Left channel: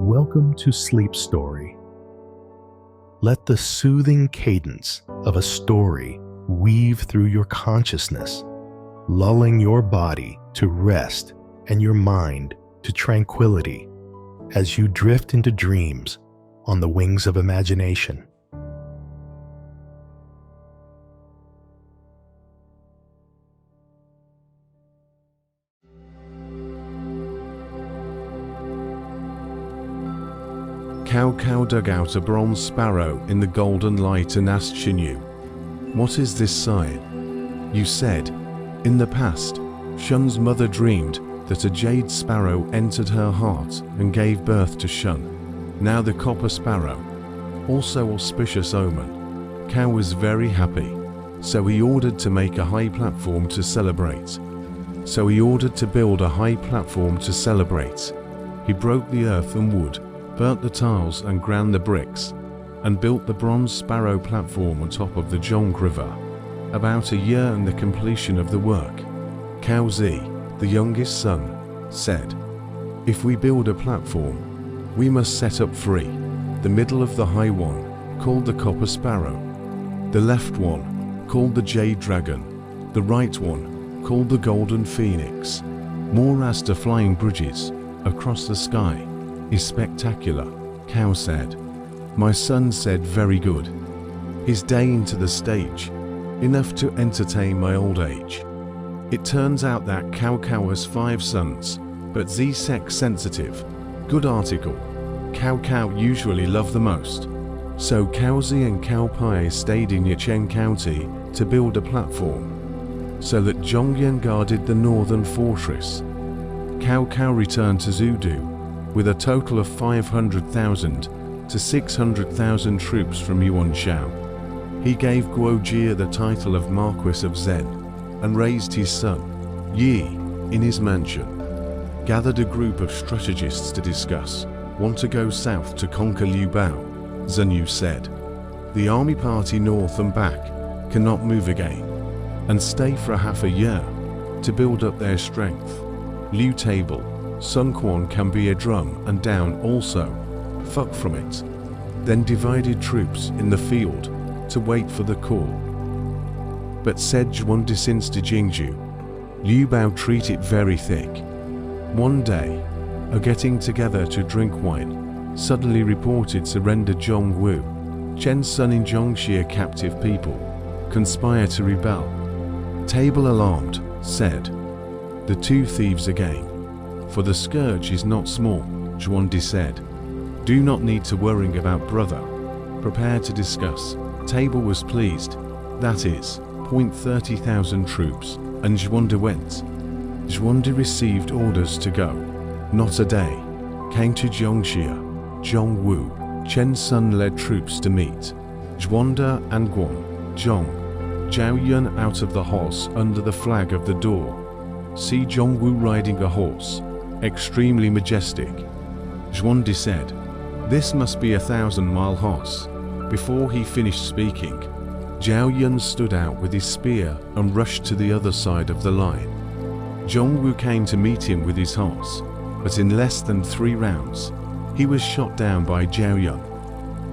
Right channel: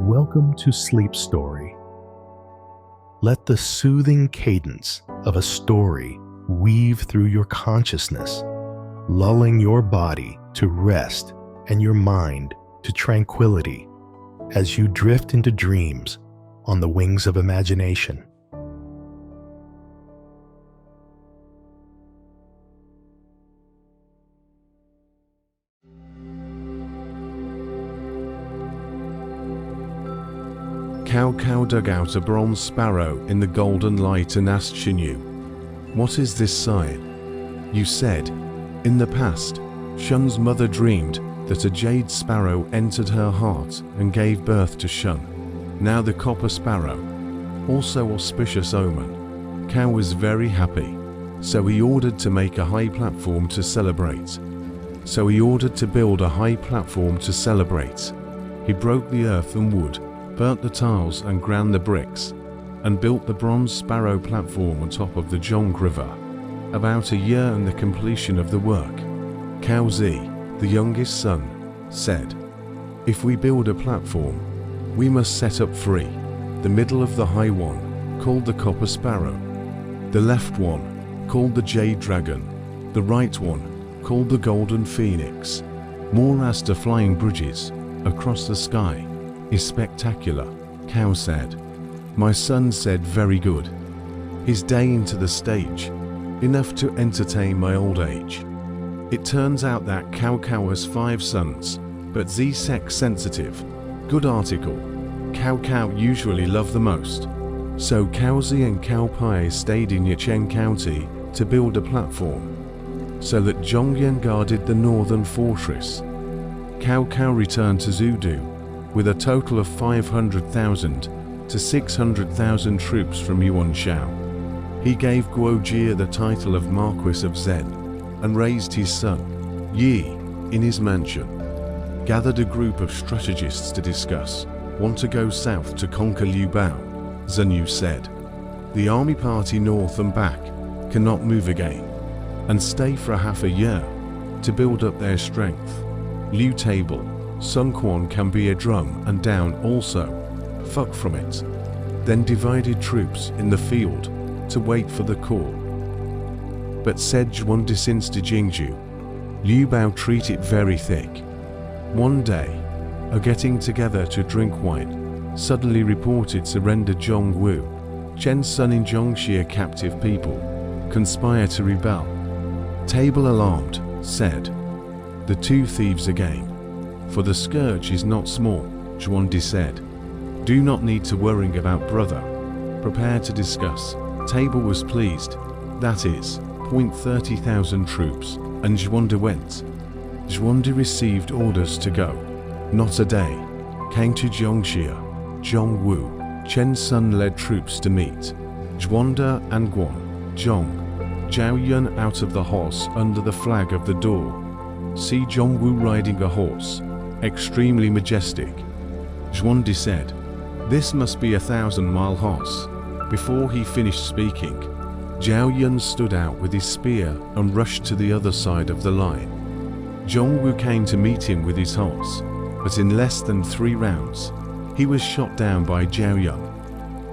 Welcome to Sleep Story. Let the soothing cadence of a story weave through your consciousness, lulling your body to rest and your mind to tranquility as you drift into dreams on the wings of imagination. Cow dug out a bronze sparrow in the golden light and asked Xinyu, "What is this sign?" You said, "In the past, Shun's mother dreamed that a jade sparrow entered her heart and gave birth to Shun. Now the copper sparrow, also auspicious omen." Cow was very happy, so he ordered to make a high platform to celebrate. He broke the earth and wood, burnt the tiles and ground the bricks, and built the bronze sparrow platform on top of the Zhong River. About a year and the completion of the work, Cao Zi, the youngest son, said, "If we build a platform, we must set up three: the middle of the high one, called the copper sparrow; the left one, called the jade dragon; the right one, called the golden phoenix. More as to flying bridges across the sky is spectacular," Cao said. My son said, "Very good. His day into the stage, enough to entertain my old age." It turns out that Cao has 5 sons, but Z sex sensitive. Good article. Cao usually love the most. So Cao Zi and Cao Pai stayed in Yicheng County to build a platform, so that Zhongyuan guarded the northern fortress. Cao returned to Zudu with a total of 500,000 to 600,000 troops from Yuanshao. He gave Guojie the title of Marquis of Zen and raised his son, Yi, in his mansion. Gathered a group of strategists to discuss. "Want to go south to conquer Liu Bao," Zhenyu said. "The army party north and back cannot move again, and stay for half a year to build up their strength. Liu Table, Sun Quan can be a drum and down also. Fuck from it." Then divided troops in the field to wait for the call. But said Zhuan since to Jingju, Liu Bao treat it very thick. One day, a getting together to drink wine, suddenly reported surrender Zhong Wu. Chen's son in Zhongxia captive people conspire to rebel. Table alarmed, said, "The 2 thieves again. For the scourge is not small," Zhuandi said. "Do not need to worrying about brother. Prepare to discuss." Table was pleased. That is, 30,000 troops, and Zhuandi went. Zhuandi received orders to go. Not a day. Came to Zhongxia. Zhong Wu, Chen's son led troops to meet. Zhuanda and Guan, Zhong, Zhao Yun out of the horse under the flag of the door. See Zhong Wu riding a horse. Extremely majestic. Zhuandi said, "This must be a 1,000-mile horse." Before he finished speaking, Zhao Yun stood out with his spear and rushed to the other side of the line. Zhong Wu came to meet him with his horse, but in less than 3 rounds, he was shot down by Zhao Yun,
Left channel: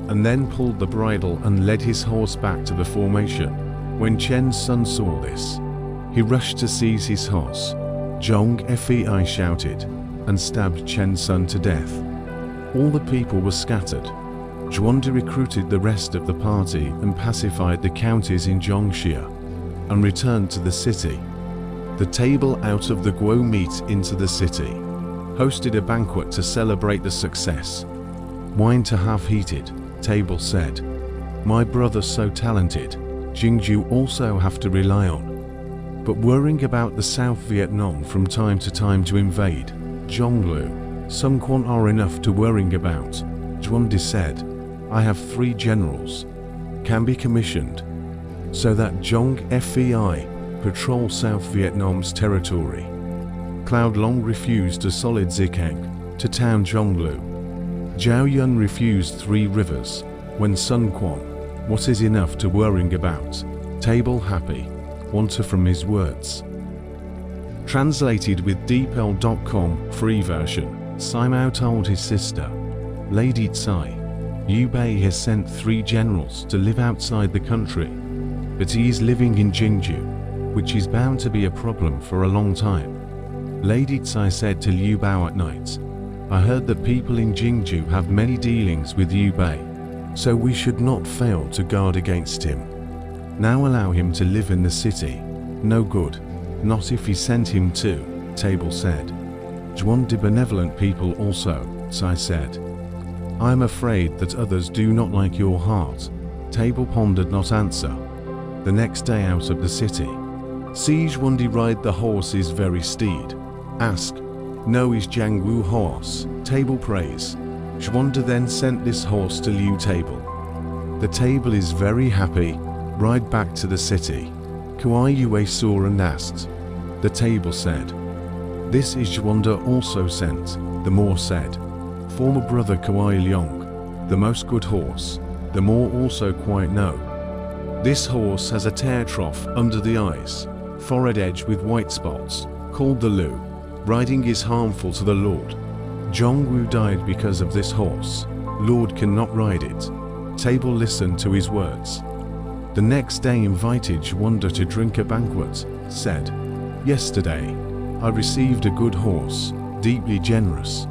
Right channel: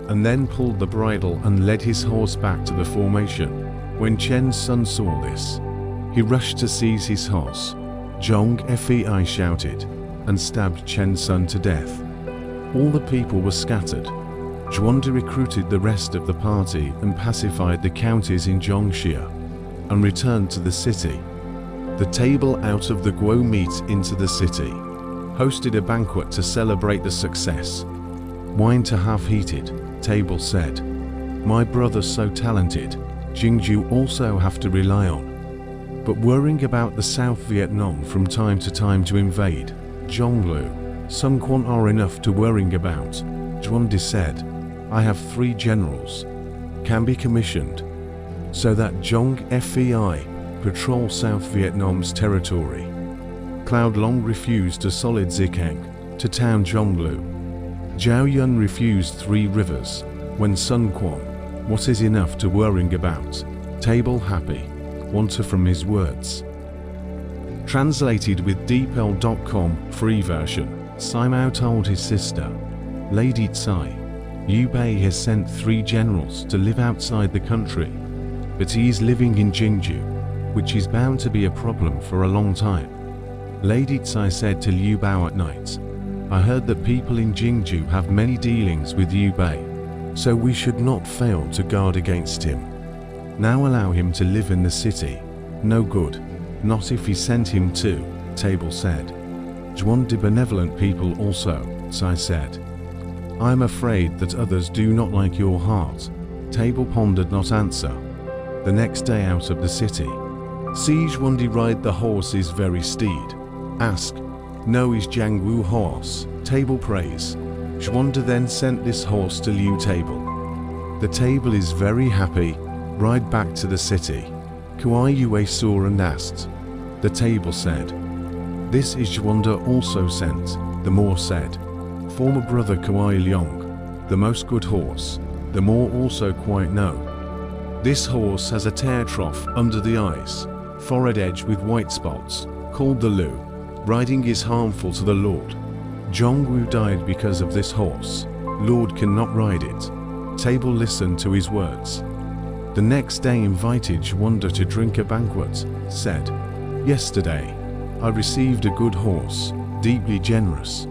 and then pulled the bridle and led his horse back to the formation. When Chen's son saw this, he rushed to seize his horse. Zhong Fei shouted, and stabbed Chen's son to death. All the people were scattered. Zhuandi recruited the rest of the party and pacified the counties in Zhongxia, and returned to the city. The table out of the Guo meet into the city, hosted a banquet to celebrate the success. "Wine to have heated," Table said. "My brother's so talented, Jingju also have to rely on. But worrying about the South Vietnam from time to time to invade, Zhonglu, Sun Quan are enough to worrying about." Zhuandi said, "I have 3 generals, can be commissioned, so that Zhong Fei patrol South Vietnam's territory." Cloud Long refused a solid Zikang to town Zhonglu. Zhao Yun refused 3 rivers. When Sun Quan, what is enough to worrying about? Table happy, wanter from his words. Translated with DeepL.com free version. Simao told his sister, Lady Tsai, Liu Bei has sent 3 generals to live outside the country, but he is living in Jingju, which is bound to be a problem for a long time. Lady Tsai said to Liu Bao at night, I heard that people in Jingju have many dealings with Liu Bei, so we should not fail to guard against him. Now allow him to live in the city. No good, not if he sent him to, Table said. Zhuande benevolent people also, Tsai said. I am afraid that others do not like your heart. Table pondered not answer. The next day out of the city. See Zhuande ride the horse is very steed. Ask, no is Jiangwu horse, Table praise. Zhuande then sent this horse to Liu Table. The Table is very happy, ride back to the city. Kuai Yue saw and asked. The Table said, this is Zhuande also sent, the Moor said. Former brother Kuai Liang, the most good horse, the Moor also quite know. This horse has a tear trough under the eyes, forehead edge with white spots, called the Lu. Riding is harmful to the Lord. Zhongwu died because of this horse. Lord cannot ride it. Table listened to his words. The next day invited Zhuande to drink a banquet, said, yesterday, I received a good horse, deeply generous.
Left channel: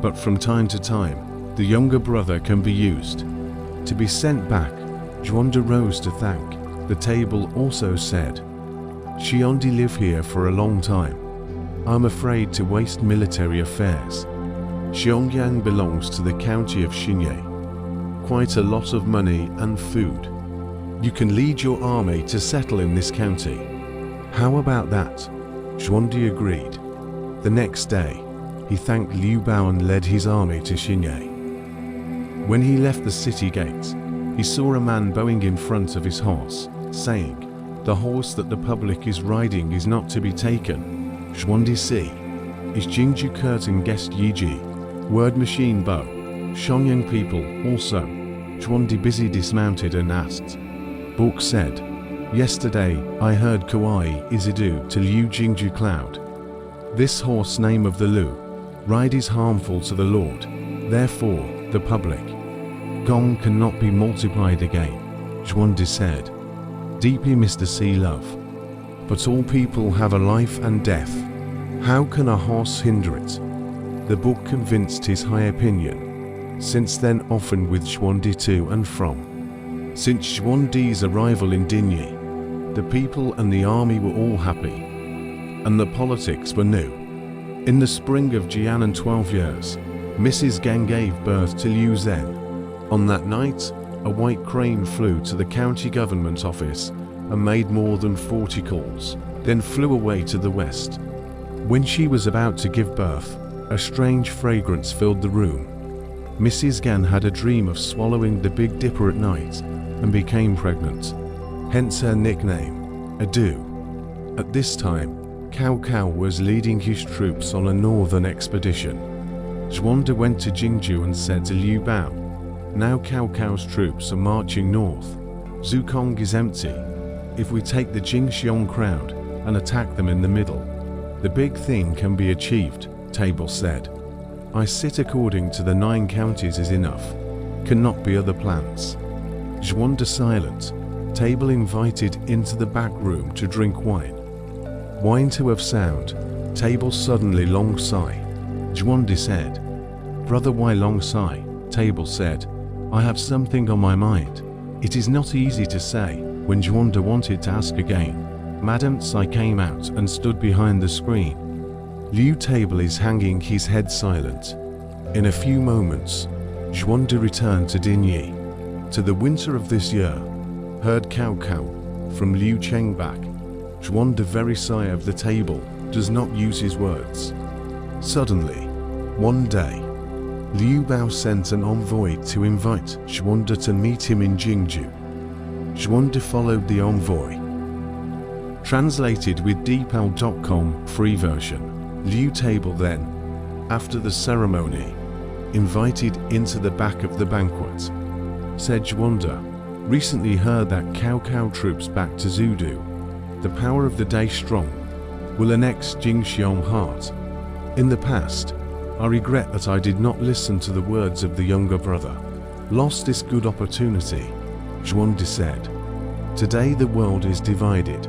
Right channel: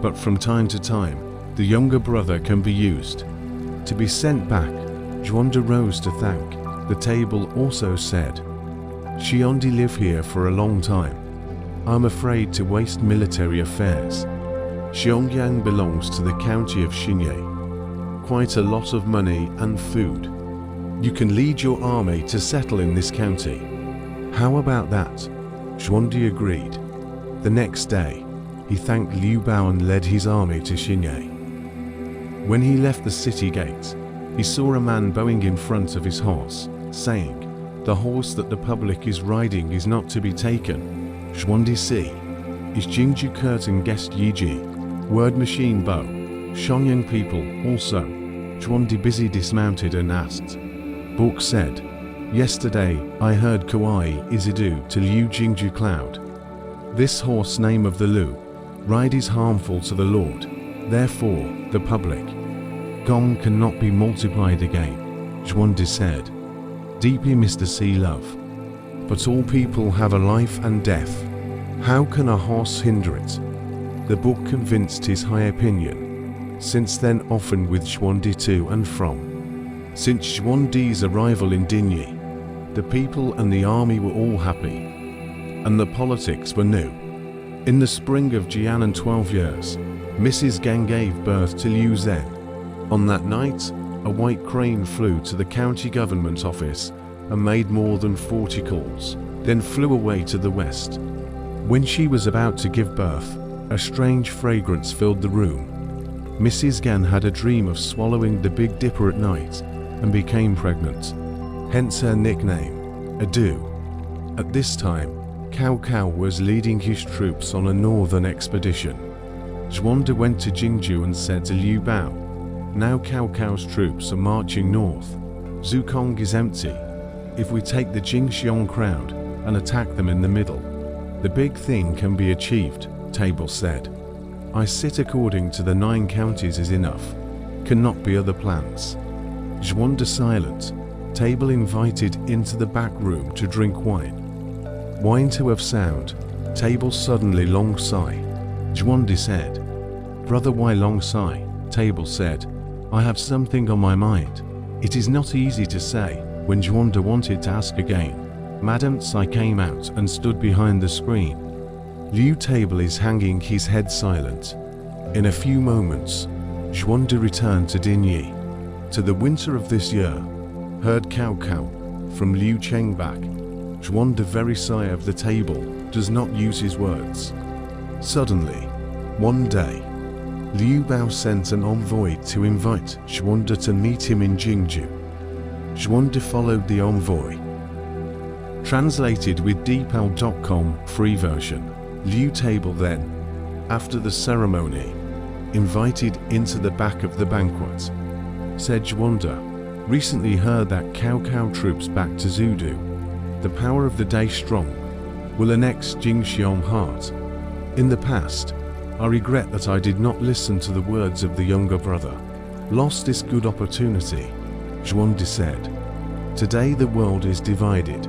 But from time to time, the younger brother can be used. To be sent back, Zhuande rose to thank. The Table also said, Xiandi live here for a long time. I'm afraid to waste military affairs. Xiangyang belongs to the county of Xinye. Quite a lot of money and food. You can lead your army to settle in this county. How about that? Zhuande agreed. The next day, he thanked Liu Bao and led his army to Xinye. When he left the city gate, he saw a man bowing in front of his horse, saying, the horse that the public is riding is not to be taken. Zhuande see. Is Jingju curtain guest Yiji? Word machine bow. Xiangyang people also. Zhuande busy dismounted and asked. Book said, yesterday I heard Kuai Izidu to Liu Jingju Cloud. This horse name of the Lu, ride is harmful to the Lord, therefore the public. Gong cannot be multiplied again, Zhuande said. Deeply Mr. C love. But all people have a life and death. How can a horse hinder it? The book convinced his high opinion. Since then often with Zhuande to and from. Since Zhuande's arrival in Dinyi, the people and the army were all happy. And the politics were new. In the spring of Jianan 12 years, Mrs. Gang gave birth to Liu Zhen. On that night, a white crane flew to the county government office and made more than 40 calls, then flew away to the west. When she was about to give birth, a strange fragrance filled the room. Mrs. Gan had a dream of swallowing the Big Dipper at night and became pregnant. Hence her nickname, Adu. At this time, Cao Cao was leading his troops on a northern expedition. Zhuande went to Jingju and said to Liu Bao, now Cao Cao's troops are marching north. Zukong is empty. If we take the Jingxiong crowd and attack them in the middle, the big thing can be achieved, Table said. I sit according to the 9 counties is enough. Cannot be other plans. Zhuande silent. Table invited into the back room to drink wine. Wine to have sound. Table suddenly long sigh. Zhuande said, Brother, why long sigh? Table said, I have something on my mind. It is not easy to say. When Zhuande wanted to ask again, Madame Tsai came out and stood behind the screen. Liu Table is hanging his head silent. In a few moments, Zhuande returned to Dinyi. To the winter of this year, heard Cao Cao from Liu Cheng back. Zhuande very sigh of the Table, does not use his words. Suddenly, one day, Liu Bao sent an envoy to invite Zhuande to meet him in Jingju. Zhuande followed the envoy. Translated with Deepal.com free version. Liu Table then, after the ceremony, invited into the back of the banquet. Said Zhuande, recently heard that Cao Cao troops back to Zudu. The power of the day strong, will annex Jingxiong heart. In the past, I regret that I did not listen to the words of the younger brother. Lost this good opportunity, Zhuande said. Today the world is divided.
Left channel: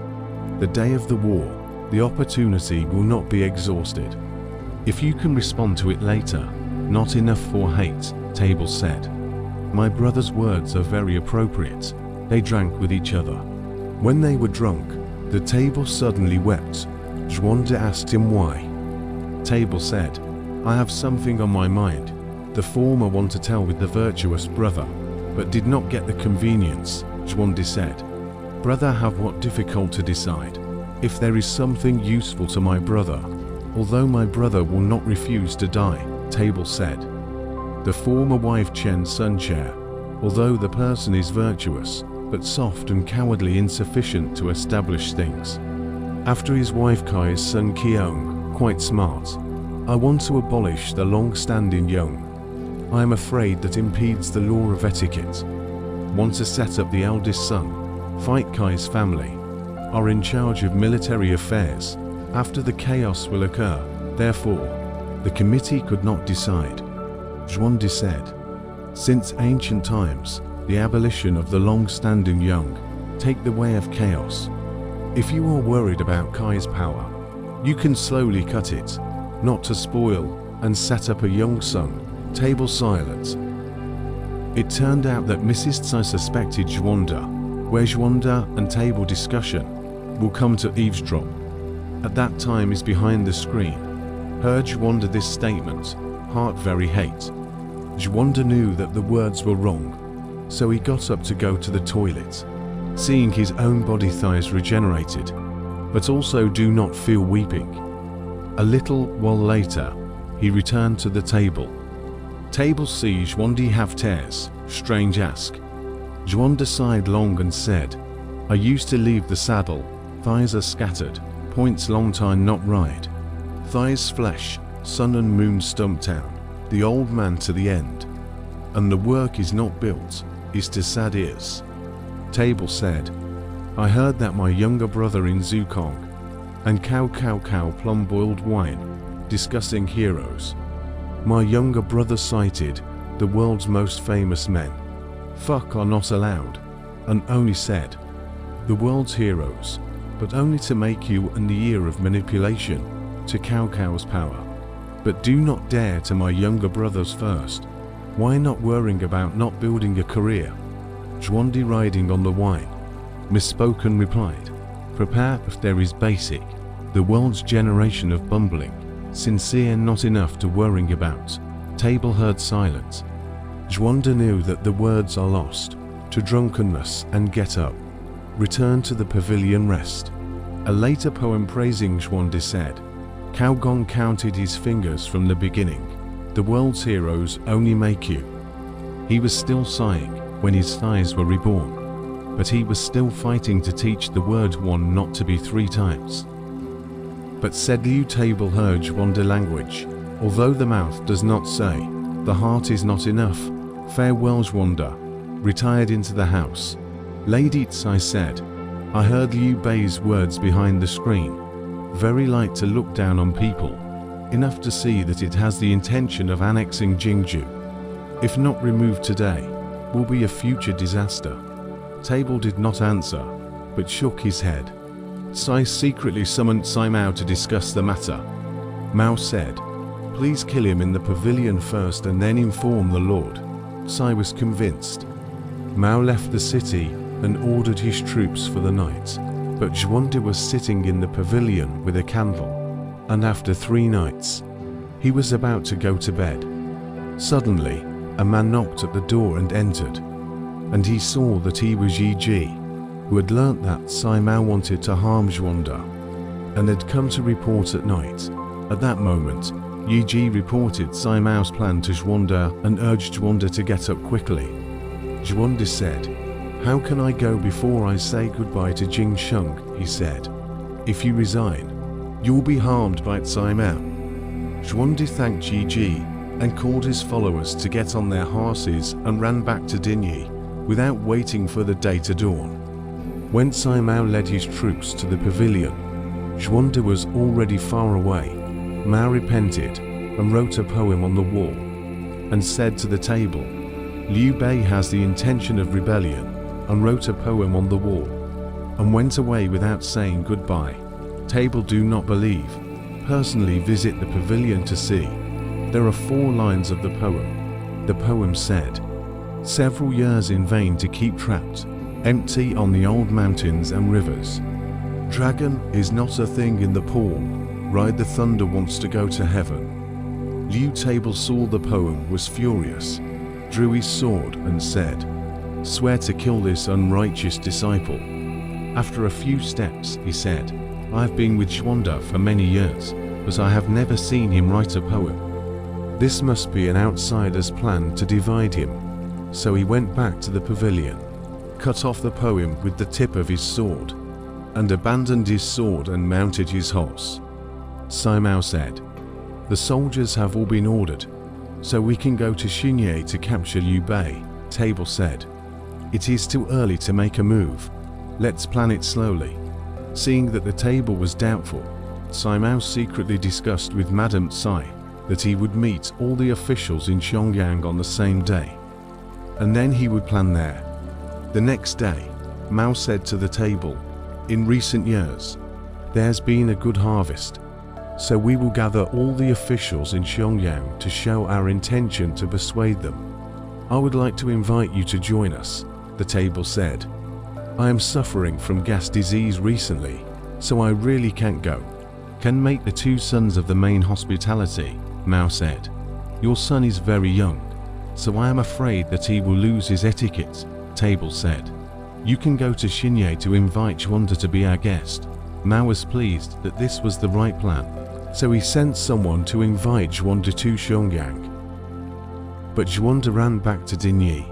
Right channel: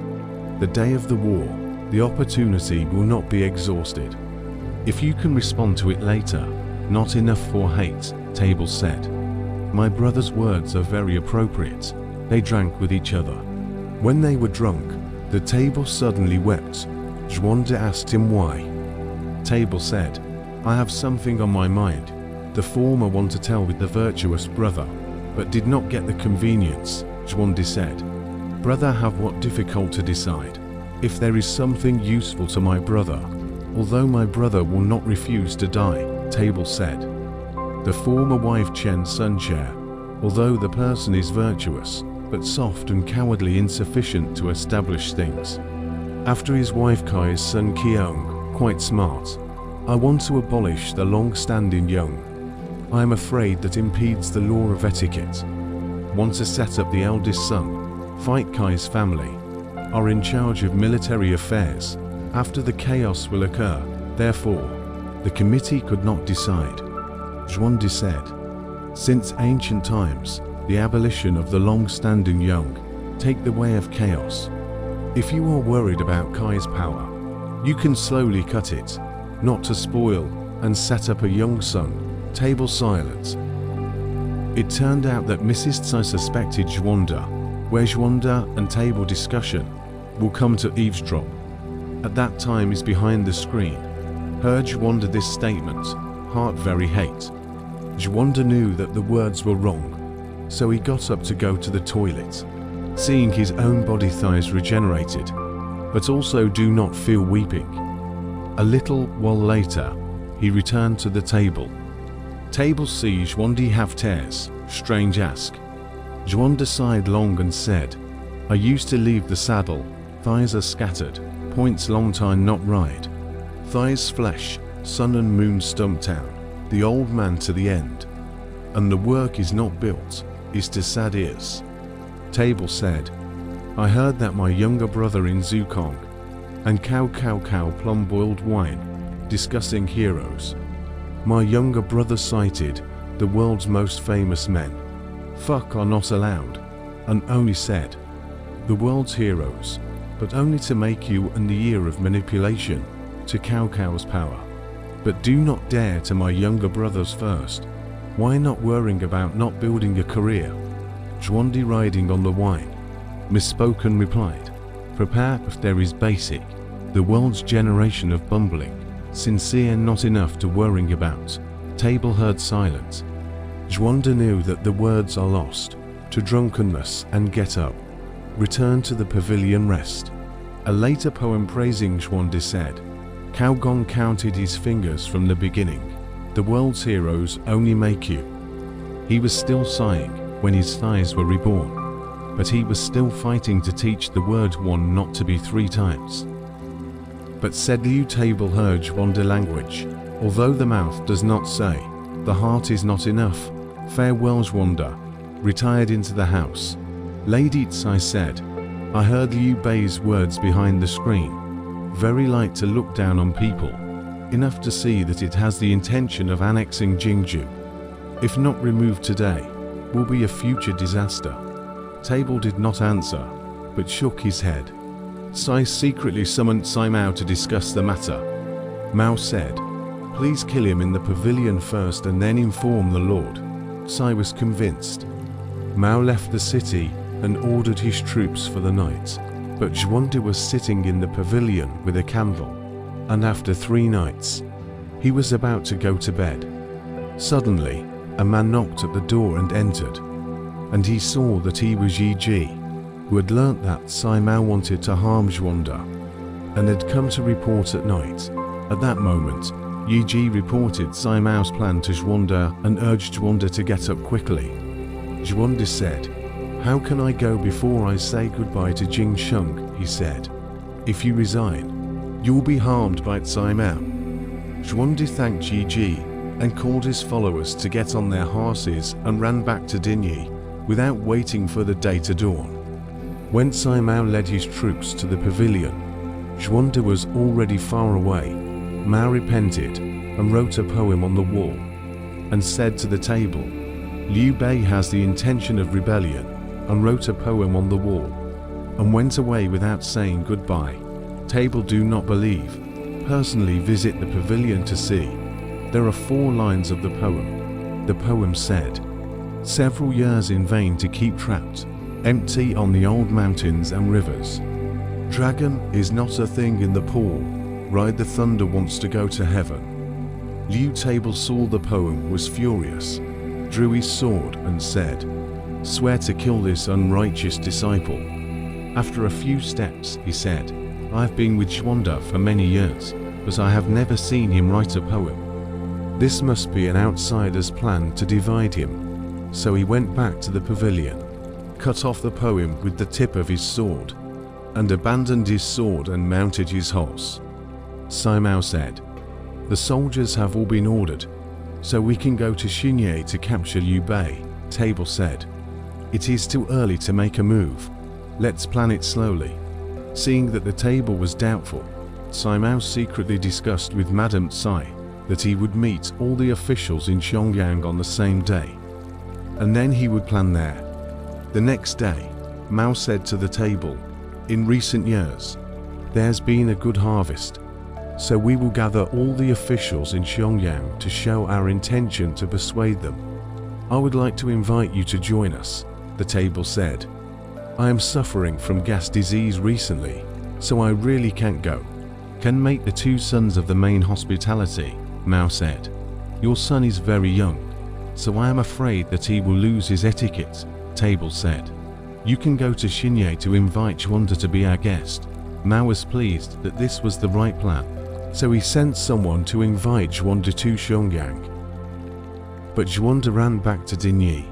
The day of the war, the opportunity will not be exhausted. If you can respond to it later, not enough for hate, Table said. My brother's words are very appropriate. They drank with each other. When they were drunk, the Table suddenly wept. Zhuande asked him why. Table said, I have something on my mind. The former want to tell with the virtuous brother, but did not get the convenience, Zhuande said. Brother have what difficult to decide. If there is something useful to my brother, although my brother will not refuse to die, Table said. The former wife Chen Sun Chair, although the person is virtuous, but soft and cowardly insufficient to establish things. After his wife Kai's son Qiong, quite smart. I want to abolish the long-standing young. I am afraid that impedes the law of etiquette. Want to set up the eldest son, fight Kai's family, are in charge of military affairs. After the chaos will occur, therefore, the committee could not decide. Zhuande said, since ancient times, the abolition of the long-standing young take the way of chaos. If you are worried about Kai's power, you can slowly cut it, not to spoil and set up a young son. Table silence. It turned out that Mrs. Tsai suspected Zhuande, where Zhuande and Table discussion will come to eavesdrop. At that time is behind the screen. Heard Zhuande this statement, heart very hate. Zhuande knew that the words were wrong, so he got up to go to the toilet. Seeing his own body thighs regenerated, but also do not feel weeping. A little while later, he returned to the table. Table see Zhuande have tears, strange ask. Zhuande sighed long and said, I used to leave the saddle, thighs are scattered, points long time not ride. Thighs flesh, sun and moon stump town, the old man to the end. And the work is not built, is to sad ears. Table said, I heard that my younger brother in Zukong, and cow plum boiled wine, discussing heroes. My younger brother cited the world's most famous men. Fuck are not allowed, and only said, the world's heroes, but only to make you and the ear of manipulation, to cow's power. But do not dare to my younger brothers first. Why not worrying about not building a career? Zhuande riding on the wine. Misspoken replied, prepare if there is basic, the world's generation of bumbling, sincere not enough to worrying about. Table heard silence. Zhuande knew that the words are lost, to drunkenness and get up. Return to the pavilion rest. A later poem praising Zhuande said, Cao Gong counted his fingers from the beginning. The world's heroes only make you. He was still sighing when his thighs were reborn, but he was still fighting to teach the word one not to be 3 times. But said Liu Table heard Zhuande language, although the mouth does not say, the heart is not enough. Farewell Zhuande. Retired into the house. Lady Tsai said, I heard Liu Bei's words behind the screen. Very light to look down on people, enough to see that it has the intention of annexing Jingju. If not removed today, will be a future disaster. Table did not answer, but shook his head. Tsai secretly summoned Tsai Mao to discuss the matter. Mao said, please kill him in the pavilion first and then inform the Lord. Tsai was convinced. Mao left the city and ordered his troops for the night, but Zhuande was sitting in the pavilion with a candle, and after 3 nights, he was about to go to bed. Suddenly, a man knocked at the door and entered, and he saw that he was Yi Ji, who had learnt that Tsai Mao wanted to harm Zhuande, and had come to report at night. At that moment, Yi Ji reported Tsai Mao's plan to Zhuande and urged Zhuande to get up quickly. Zhuande said, how can I go before I say goodbye to Jing Sheng? He said. If you resign, you'll be harmed by Tsai Mao. Zhuande thanked Yi Ji and called his followers to get on their horses and ran back to Dinyi without waiting for the day to dawn. When Tsai Mao led his troops to the pavilion, Zhuande was already far away. Mao repented, and wrote a poem on the wall, and said to the table, Liu Bei has the intention of rebellion, and wrote a poem on the wall, and went away without saying goodbye. Table do not believe. Personally visit the pavilion to see. There are 4 lines of the poem. The poem said, several years in vain to keep trapped, empty on the old mountains and rivers. Dragon is not a thing in the pool, ride the thunder wants to go to heaven. Liu Table saw the poem, was furious, drew his sword and said, swear to kill this unrighteous disciple. After a few steps he said, I have been with Zhuanda for many years, but I have never seen him write a poem. This must be an outsider's plan to divide him. So he went back to the pavilion, cut off the poem with the tip of his sword, and abandoned his sword and mounted his horse. Simao said, the soldiers have all been ordered, so we can go to Xinye to capture Liu Bei. Table said, it is too early to make a move. Let's plan it slowly. Seeing that the table was doubtful, Simao secretly discussed with Madame Tsai that he would meet all the officials in Xiangyang on the same day, and then he would plan there. The next day, Mao said to the table, in recent years, there's been a good harvest, so we will gather all the officials in Xiangyang to show our intention to persuade them. I would like to invite you to join us, the table said. I am suffering from gas disease recently, so I really can't go. Can make the 2 sons of the main hospitality, Mao said. Your son is very young, so I am afraid that he will lose his etiquette, Table said. You can go to Xinye to invite Zhuanda to be our guest. Mao was pleased that this was the right plan, so he sent someone to invite Zhuanda to Xiangyang. But Zhuanda ran back to Dinyi,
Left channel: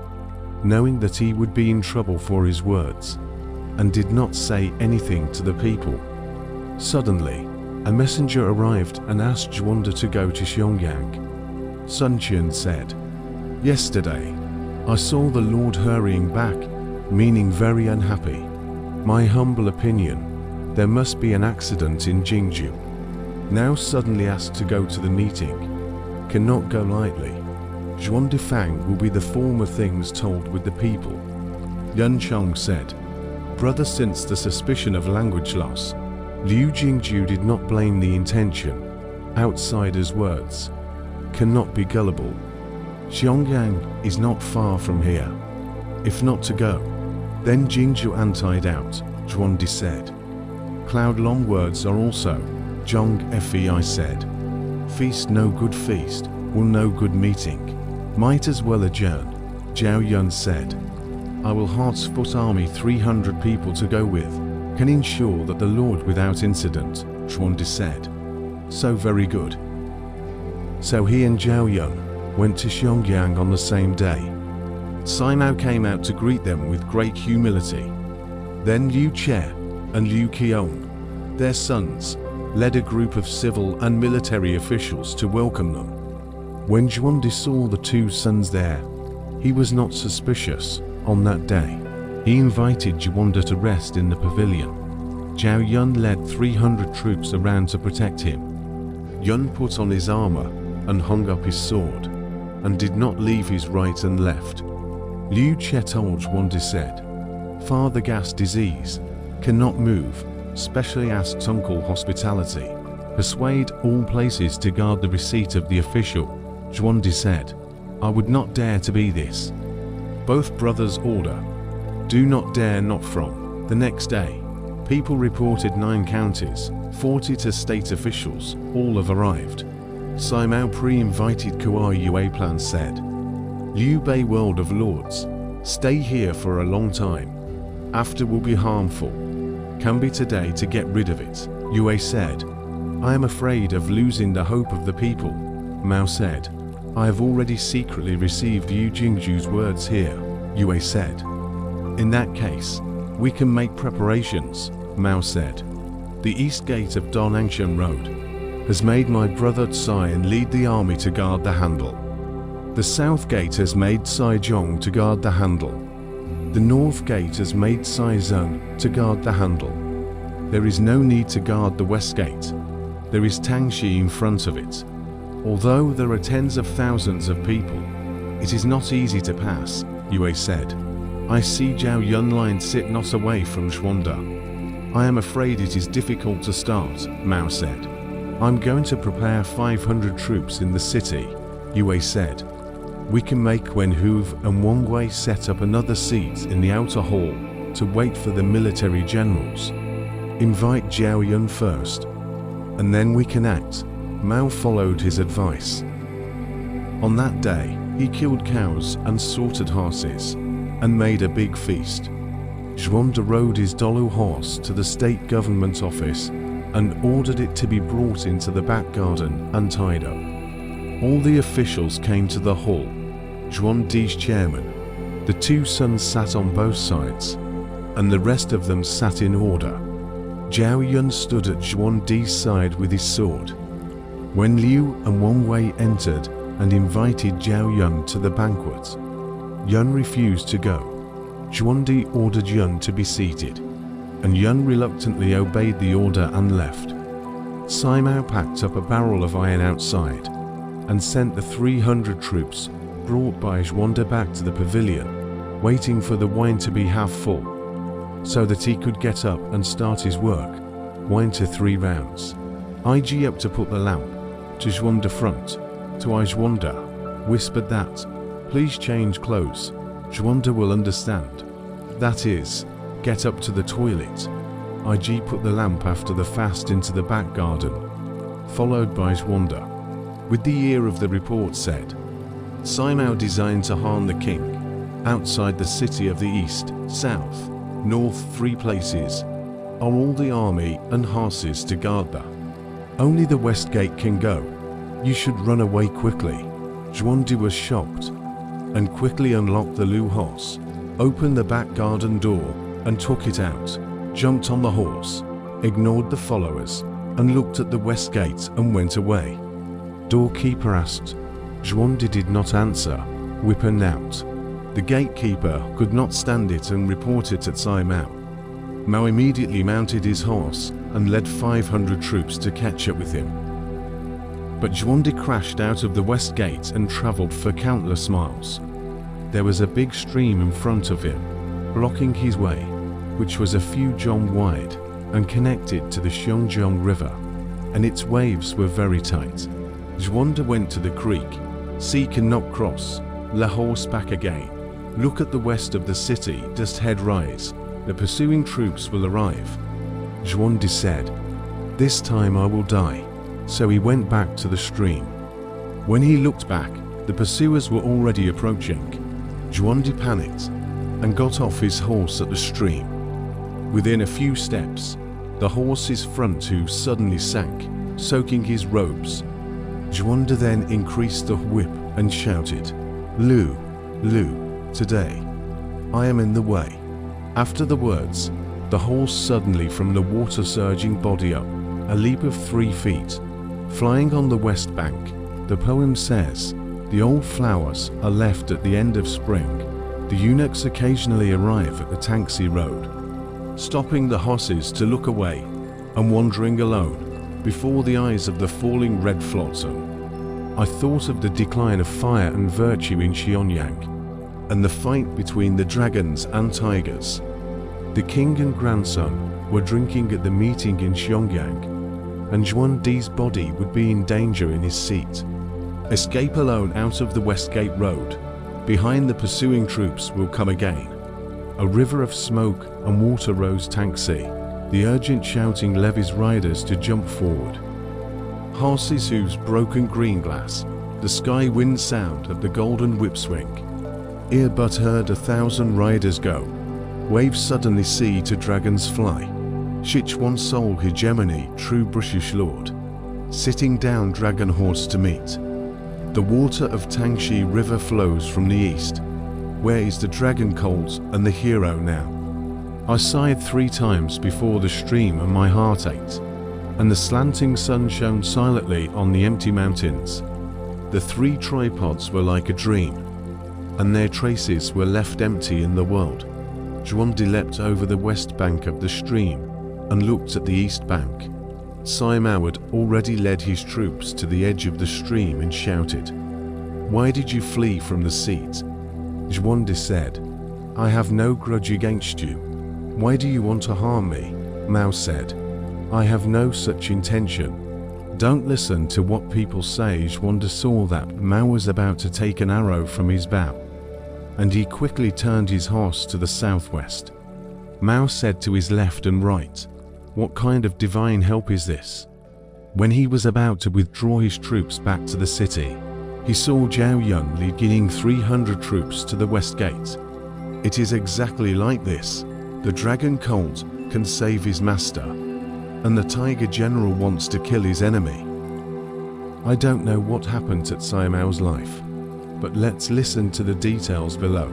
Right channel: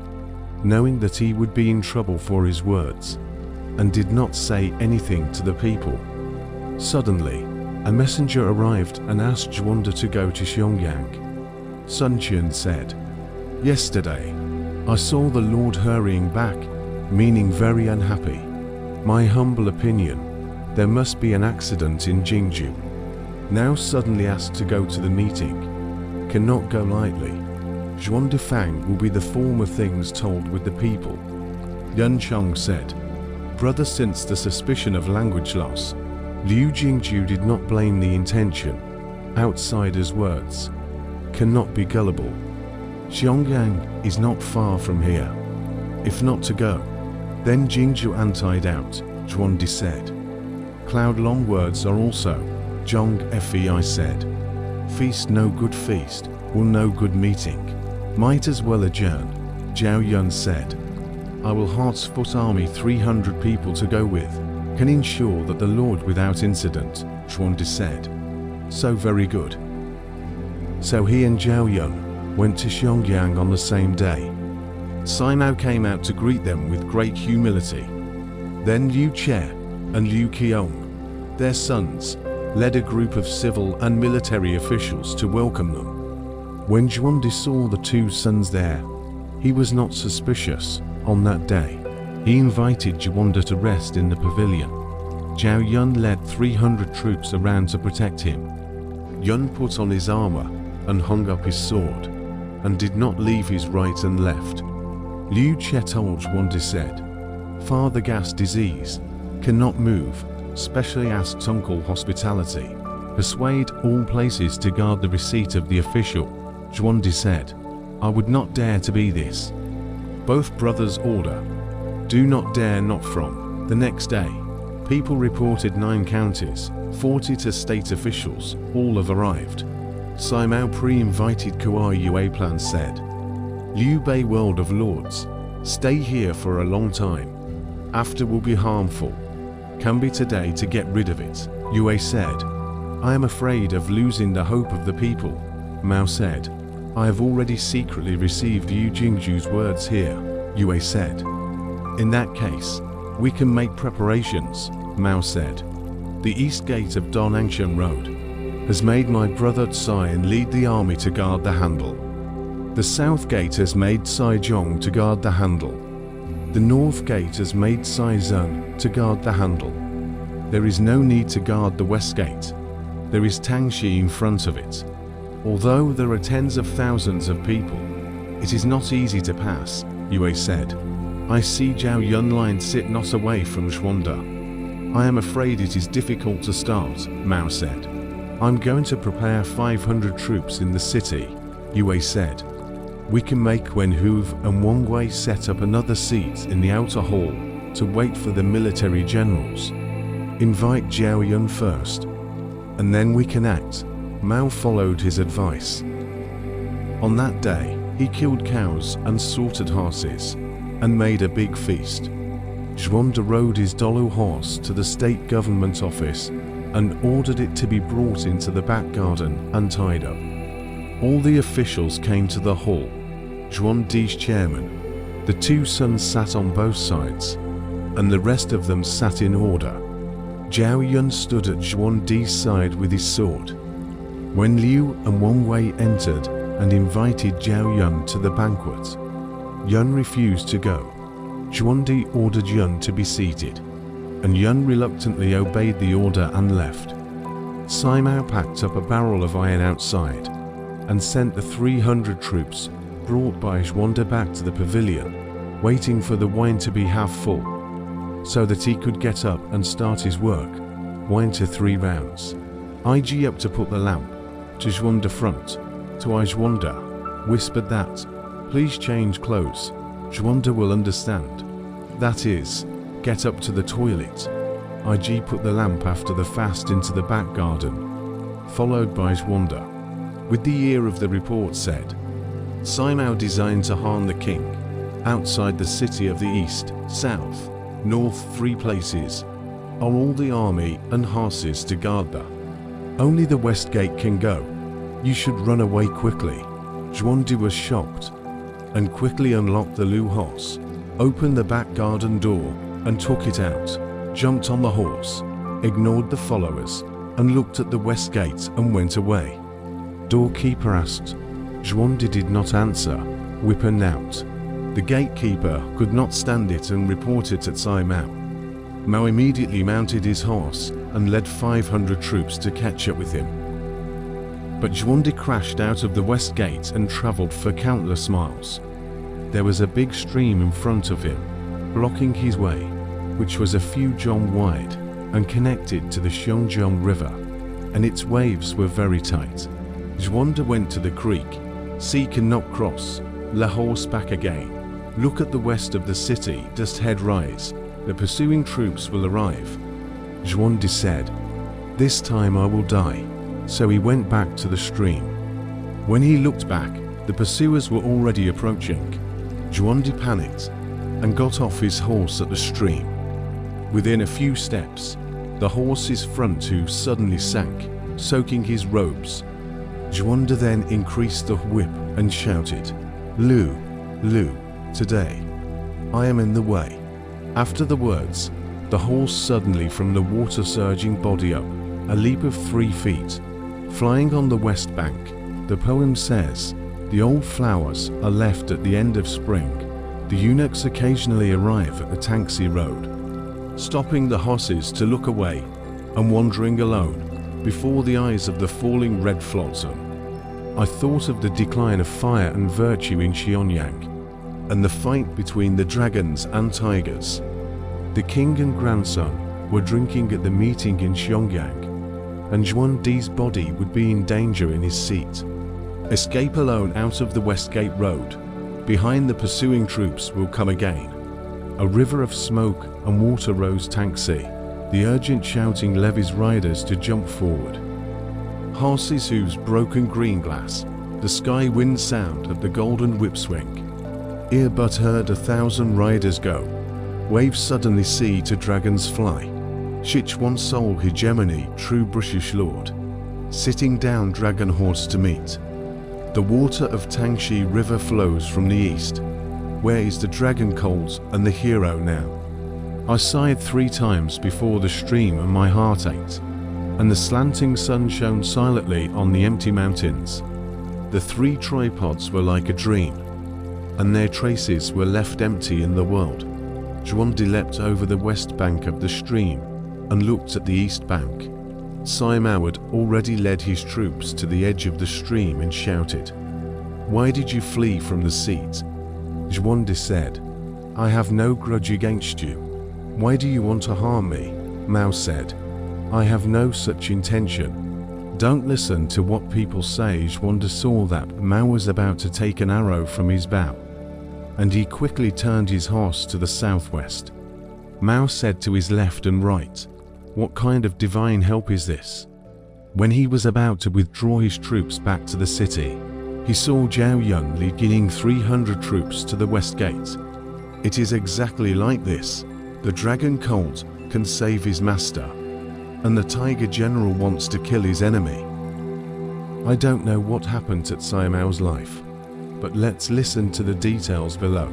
knowing that he would be in trouble for his words, and did not say anything to the people. Suddenly, a messenger arrived and asked Zhuanda to go to Xiangyang. Sun Qian said, yesterday, I saw the Lord hurrying back, meaning very unhappy. My humble opinion, there must be an accident in Jingju. Now suddenly asked to go to the meeting, cannot go lightly. Zhuanda Fang will be the form of things told with the people. Yun Chong said, brother, since the suspicion of language loss, Liu Jingju did not blame the intention. Outsider's words cannot be gullible. Xiangyang is not far from here. If not to go, then Jingju antied out, Zhuanda said. Cloud Long words are also, Zhong Fei said. Feast no good feast, will no good meeting. Might as well adjourn, Zhao Yun said. I will Hartsfoot army 300 people to go with, can ensure that the Lord without incident, Zhuanda said. So very good. So he and Zhao Yun went to Xiangyang on the same day. Simao came out to greet them with great humility. Then Liu Che and Liu Qiong, their sons, led a group of civil and military officials to welcome them. When Zhuanda saw the 2 sons there, he was not suspicious. On that day, he invited Zhuanda to rest in the pavilion. Zhao Yun led 300 troops around to protect him. Yun put on his armor and hung up his sword, and did not leave his right and left. Liu Che told Zhuanda said, Father gas disease, cannot move, specially asked uncle hospitality. Persuade all places to guard the receipt of the official. Zhuanda said, I would not dare to be this. Both brothers order, do not dare not from. The next day, people reported 9 counties, 40 to state officials, all have arrived. Simao pre-invited Kua Yue Plan said, Liu Bei World of Lords, stay here for a long time. After will be harmful. Can be today to get rid of it. Yue said, I am afraid of losing the hope of the people. Mao said, I have already secretly received Yu Jingju's words here. Yue said, in that case, we can make preparations. Mao said, the east gate of Donangshan Road has made my brother Tsai lead the army to guard the handle. The south gate has made Tsai Zhong to guard the handle. The north gate has made Tsai Zun to guard the handle. There is no need to guard the west gate. There is Tanxi in front of it. Although there are tens of thousands of people, it is not easy to pass, Yue said. I see Zhao Yunlin sit not away from Zhuanda. I am afraid it is difficult to start, Mao said. I'm going to prepare 500 troops in the city, Yue said. We can make Wen Hove and Wang Wei set up another seat in the outer hall to wait for the military generals. Invite Zhao Yun first, and then we can act. Mao followed his advice. On that day, he killed cows and slaughtered horses, and made a big feast. Zhuanda rode his Dolu horse to the state government office and ordered it to be brought into the back garden and tied up. All the officials came to the hall. Zhuandi's chairman, the two sons sat on both sides, and the rest of them sat in order. Zhao Yun stood at Zhuandi's side with his sword. When Liu and Wang Wei entered and invited Zhao Yun to the banquet, Yun refused to go. Zhuandi ordered Yun to be seated, and Yun reluctantly obeyed the order and left. Sima Mao packed up a barrel of iron outside and sent the 300 troops brought by Zhuanda back to the pavilion, waiting for the wine to be half full, so that he could get up and start his work. Wine to 3 rounds. IG up to put the lamp. To Zhuanda front. To Zhuanda, whispered that, please change clothes. Zhuanda will understand. That is, get up to the toilet. IG put the lamp after the fast into the back garden, followed by Zhuanda. With the ear of the report said, Sima Mao designed to harm the king. Outside the city of the east, south, north 3 places, are all the army and horses to guard there. Only the west gate can go. You should run away quickly. Zhuandi was shocked, and quickly unlocked the Lu horse, opened the back garden door, and took it out, jumped on the horse, ignored the followers, and looked at the west gate and went away. Doorkeeper asked. Zhuandi did not answer, whipping out. The gatekeeper could not stand it and reported at Sima Mao. Mao immediately mounted his horse and led 500 troops to catch up with him. But Zhuandi crashed out of the west gate and travelled for countless miles. There was a big stream in front of him, blocking his way, which was a few zhong wide and connected to the Xiongjiang River, and its waves were very tight. Zhuanda went to the creek. Sea cannot cross. The horse back again. Look at the west of the city, just head rise. The pursuing troops will arrive. Zhuandi said, this time I will die. So he went back to the stream. When he looked back, the pursuers were already approaching. Zhuandi panicked and got off his horse at the stream. Within a few steps, the horse's front hoof suddenly sank, soaking his robes. Zhuanda then increased the whip and shouted, Lu, Lu, today, I am in the way. After the words, the horse suddenly from the water surging body up, a leap of 3 feet, flying on the west bank. The poem says, the old flowers are left at the end of spring. The eunuchs occasionally arrive at the Tanxi road, stopping the horses to look away and wandering alone before the eyes of the falling red flotsam. I thought of the decline of fire and virtue in Xianyang, and the fight between the dragons and tigers. The king and grandson were drinking at the meeting in Xianyang, and Zhuandi's body would be in danger in his seat. Escape alone out of the West Gate Road. Behind the pursuing troops will come again. A river of smoke and water rose Tanxi. The urgent shouting levies riders to jump forward. Horses' hooves broken green glass. The sky wind sound of the golden whip swing. Ear but heard 1,000 riders go. Waves suddenly see to dragons fly. Sichuan soul hegemony, true British lord. Sitting down dragon horse to meet. The water of Tanxi river flows from the east. Where is the dragon colt and the hero now? I sighed 3 times before the stream and my heart ached, and the slanting sun shone silently on the empty mountains. The 3 tripods were like a dream, and their traces were left empty in the world. Zhuandi leapt over the west bank of the stream and looked at the east bank. Sai Mao had already led his troops to the edge of the stream and shouted, "Why did you flee from the siege?" Zhuande said, "I have no grudge against you. Why do you want to harm me?" Mao said, "I have no such intention. Don't listen to what people say." Zhuande saw that Mao was about to take an arrow from his bow, and he quickly turned his horse to the southwest. Mao said to his left and right, "What kind of divine help is this?" When he was about to withdraw his troops back to the city, he saw Zhao Yun leading 300 troops to the west gate. It is exactly like this. The dragon colt can save his master, and the tiger general wants to kill his enemy. I don't know what happened at Sai Mao's life, but let's listen to the details below.